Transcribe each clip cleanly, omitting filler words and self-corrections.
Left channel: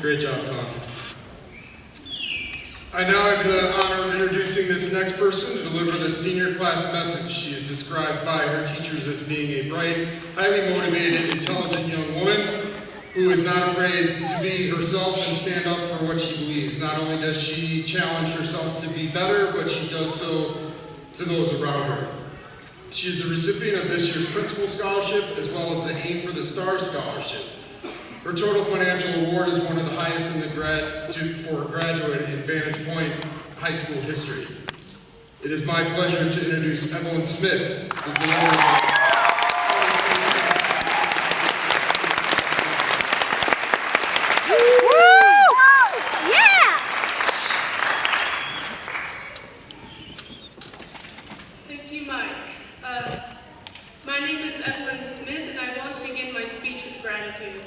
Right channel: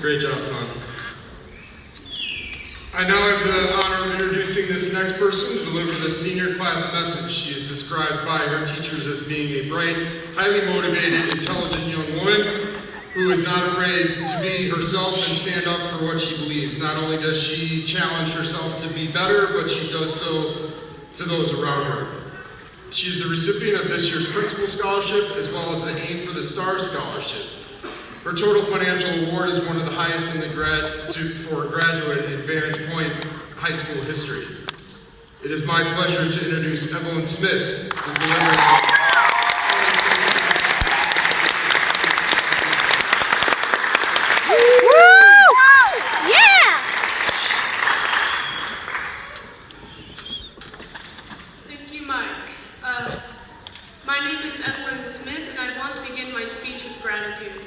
Great job, Tom. I now have the honor of introducing this next person to deliver the senior class message. She is described by her teachers as being a bright, highly motivated, intelligent young woman who is not afraid to be herself and stand up for what she believes. Not only does she challenge herself to be better, but she does so to those around her. She is the recipient of this year's Principal Scholarship as well as the Aim for the Stars Scholarship. Her total financial award is one of the highest in the for a graduate in Vantage Point high school history. It is my pleasure to introduce Evelyn Smith to deliver. Thank you, Mike. My name is Evelyn Smith, and I want to begin my speech with gratitude.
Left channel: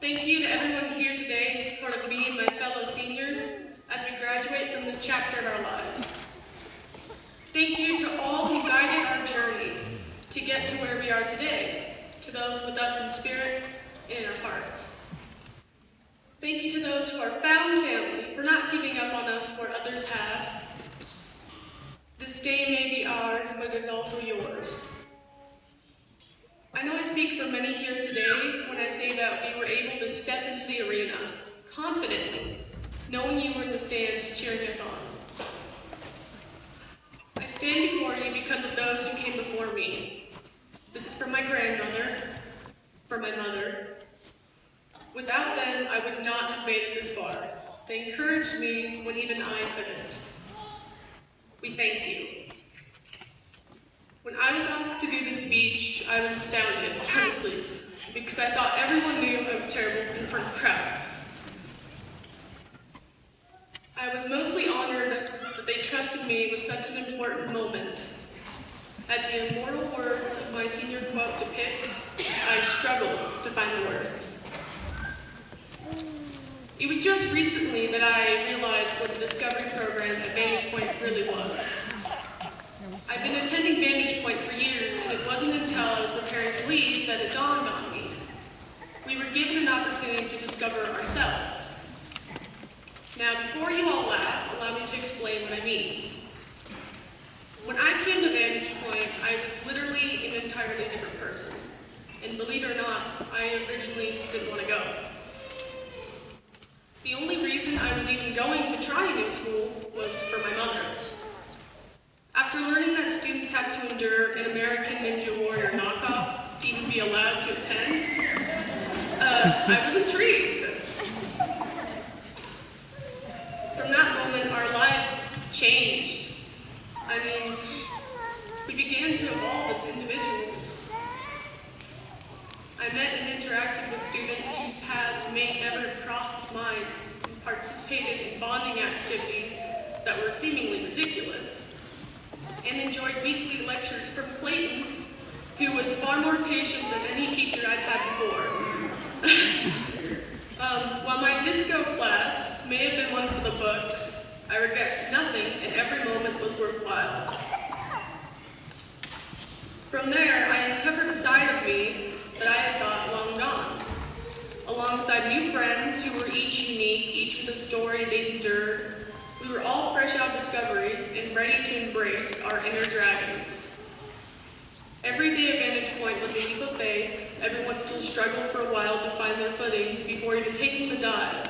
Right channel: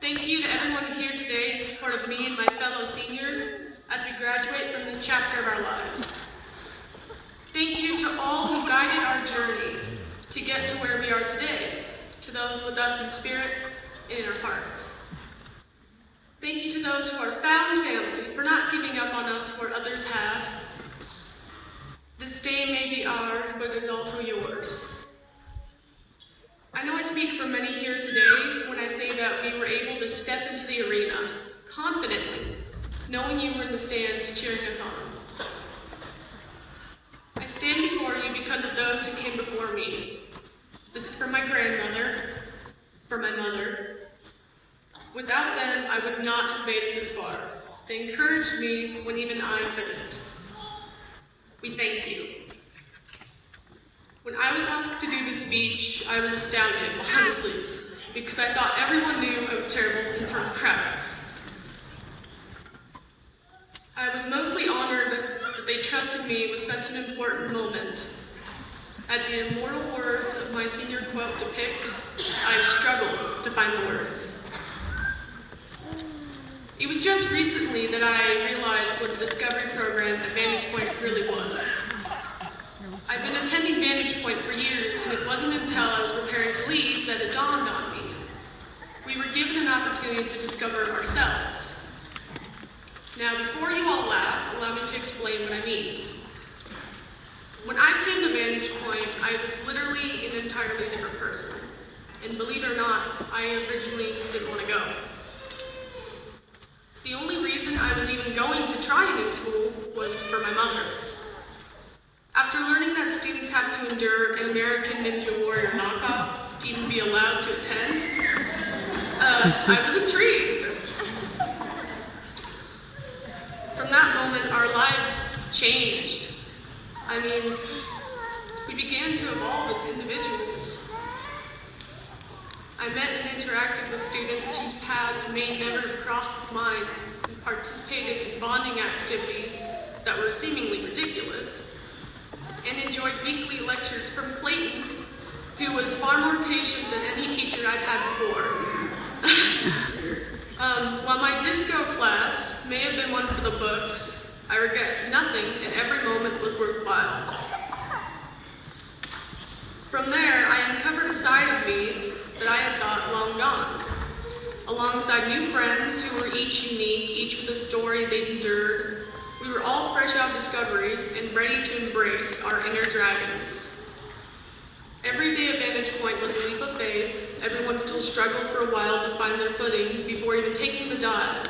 Thank you to everyone here today in support of me and my fellow seniors as we graduate from this chapter of our lives. Thank you to all who guided our journey to get to where we are today, to those with us in spirit and in our hearts. Thank you to those who are found family for not giving up on us where others have. This day may be ours, but it's also yours. I know I speak for many here today when I say that we were able to step into the arena confidently, knowing you were in the stands cheering us on. I stand before you because of those who came before me. This is for my grandmother, for my mother. Without them, I would not have made it this far. They encouraged me when even I couldn't. We thank you. When I was asked to do this speech, I was astounded, honestly, because I thought everyone knew I was terrible in front of crowds. I was mostly honored that they trusted me with such an important moment. As the immortal words of my senior quote depicts, I struggled to find the words. It was just recently that I realized what the Discovery Program at Vantage Point really was. I've been attending Vantage Point for years, and it wasn't until I was preparing to leave that it dawned on me. We were given an opportunity to discover ourselves. Now, before you all laugh, allow me to explain what I mean. When I came to Vantage Point, I was literally an entirely different person. And believe it or not, I originally didn't want to go. The only reason I was even going to try a new school was for my mother. After learning that students have to endure an American Ninja Warrior knockoff to even be allowed to attend, I was intrigued. From that moment, our lives changed. I mean, we began to evolve as individuals. I met and interacted with students whose paths may never have crossed mine and participated in bonding activities that were seemingly ridiculous, and enjoyed weekly lectures from Clayton, who was far more patient than any teacher I'd had before. While my disco class may have been one for the books, I regret nothing, and every moment was worthwhile. From there, I uncovered a side of me that I had thought long gone. Alongside new friends who were each unique, each with a story they'd endured, we were all fresh out of Discovery and ready to embrace our inner dragons. Every day at Vantage Point was a leap of faith. Everyone still struggled for a while to find their footing before even taking the dive.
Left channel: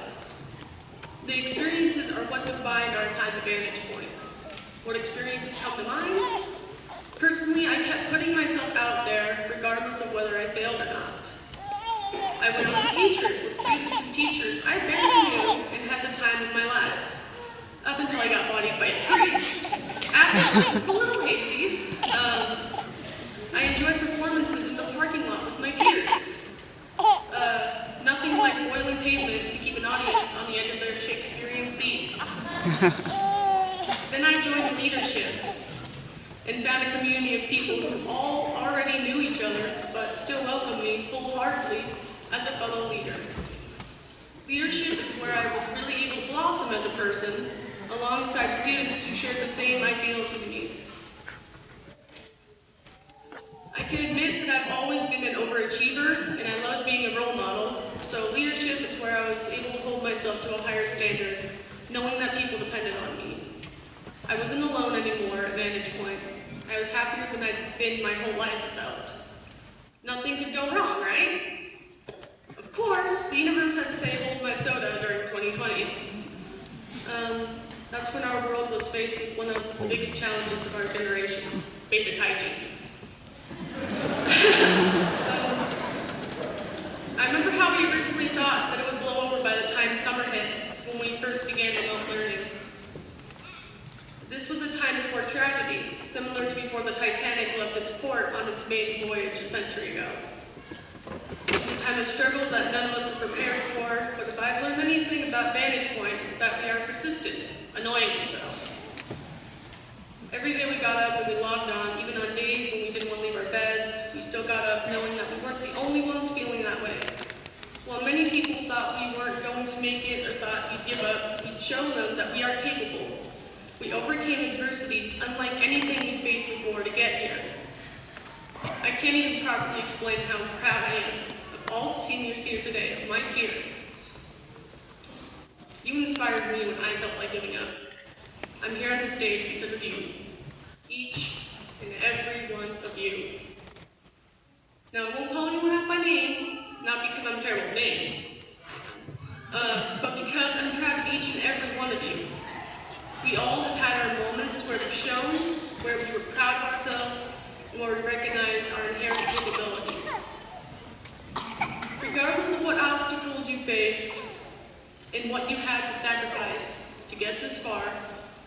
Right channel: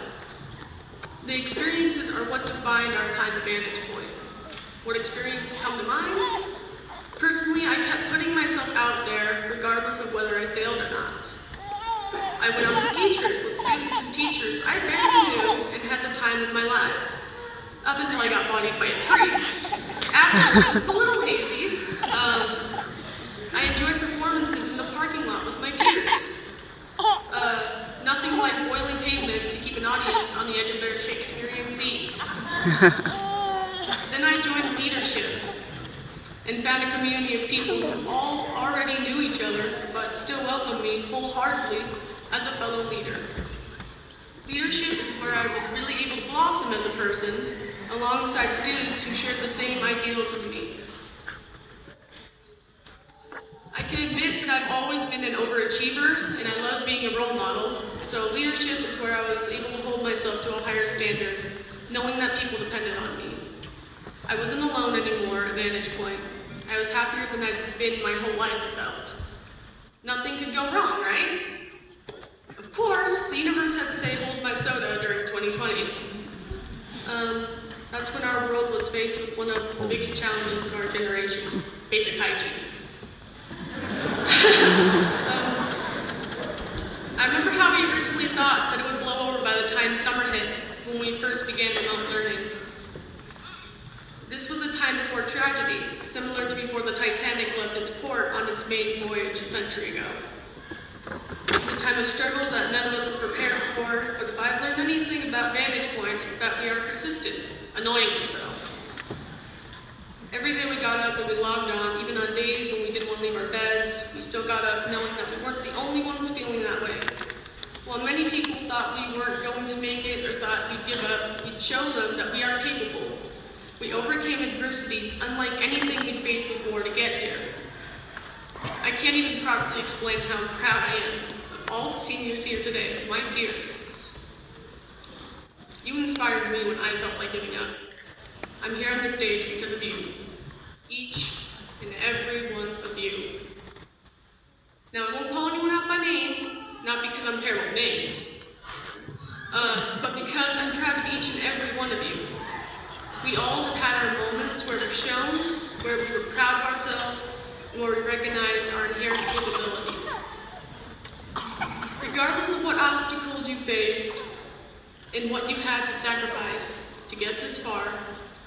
The experiences are what defined our time at Vantage Point. What experiences come to mind? Personally, I kept putting myself out there regardless of whether I failed or not. I went on a ski trip with students and teachers I barely knew and had the time of my life. Up until I got bodied by a tree. Afterwards, it's a little hazy. I enjoyed performances in the parking lot with my peers. Nothing like boiling pavement to keep an audience on the edge of their Shakespearean seats. Then I joined leadership and found a community of people who all already knew each other, but still welcomed me wholeheartedly as a fellow leader. Leadership is where I was really able to blossom as a person, alongside students who shared the same ideals as me. I can admit admit that I've always been an overachiever, and I love being a role model, so leadership is where I was able to hold myself to a higher standard, knowing that people depended on me. I wasn't alone anymore at Vantage Point. I was happier than I've been my whole life, I felt. Nothing could go wrong, right? Of course, the universe had to say hold my soda during 2020. That's when our world was faced with one of the biggest challenges of our generation, basic hygiene. I remember how we originally thought that it would blow over by the time summer hit when we first began remote learning. This was a time before tragedy, similar to before the Titanic left its port on its maiden voyage a century ago. It was a time of struggle that none of us were prepared for, but if I've learned anything about Vantage Point, it's that we are persistent, annoyingly so. Every day we got up and we logged on, even on days when we didn't want to leave our beds, we still got up knowing that we weren't the only ones feeling that way. While many people thought we weren't going to make it or thought we'd give up, we'd show them that we are capable. We overcame adversities unlike anything we'd faced before to get here. I can't even properly explain how proud I am of all the seniors here today, my peers. You inspired me when I felt like giving up. I'm here on the stage because of you. Each and every one of you. Now, I won't call anyone out by name, not because I'm terrible at names, but because I'm proud of each and every one of you. We all have had our moments where we've shown, where we were proud of ourselves, and where we recognized our inherent capabilities. Regardless of what obstacles you faced and what you had to sacrifice to get this far,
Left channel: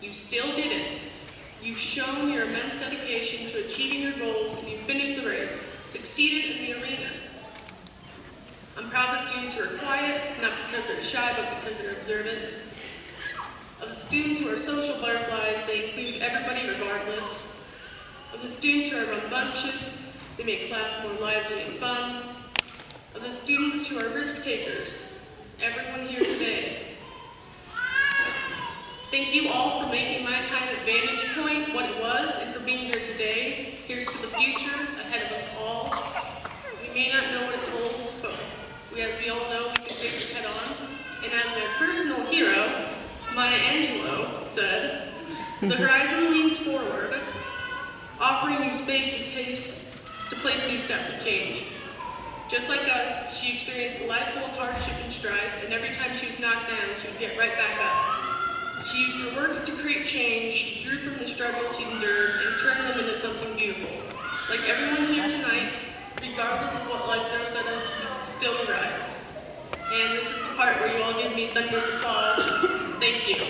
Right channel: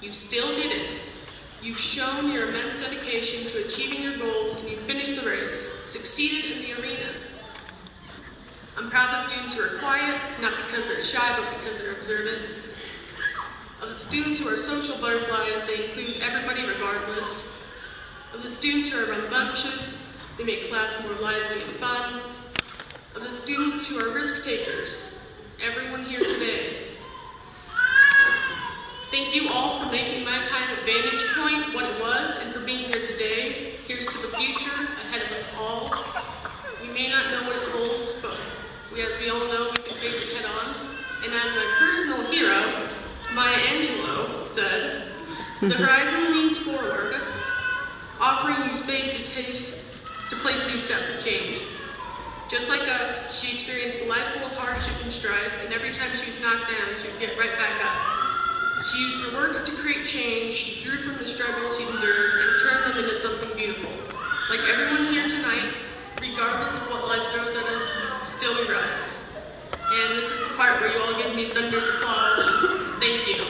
you still did it. You've shown your immense dedication to achieving your goals, and you finished the race, succeeded in the arena. I'm proud of students who are quiet, not because they're shy, but because they're observant. Of the students who are social butterflies, they include everybody regardless. Of the students who are rambunctious, they make class more lively and fun. Of the students who are risk takers, everyone here today. Thank you all for making my time at Vantage Point what it was, and for being here today. Here's to the future ahead of us all. We may not know what it holds, but as we all know, we can face it head on. And as my personal hero, Maya Angelou, said, the horizon leans forward, offering you space to place new steps of change. Just like us, she experienced a life full of hardship and strife, and every time she was knocked down, she would get right back up. She used her works to create change, she drew from the struggles she endured, and turned them into something beautiful. Like everyone here tonight, regardless of what life throws at us, we still rise. And this is the part where you all give me thunderous applause. Thank you.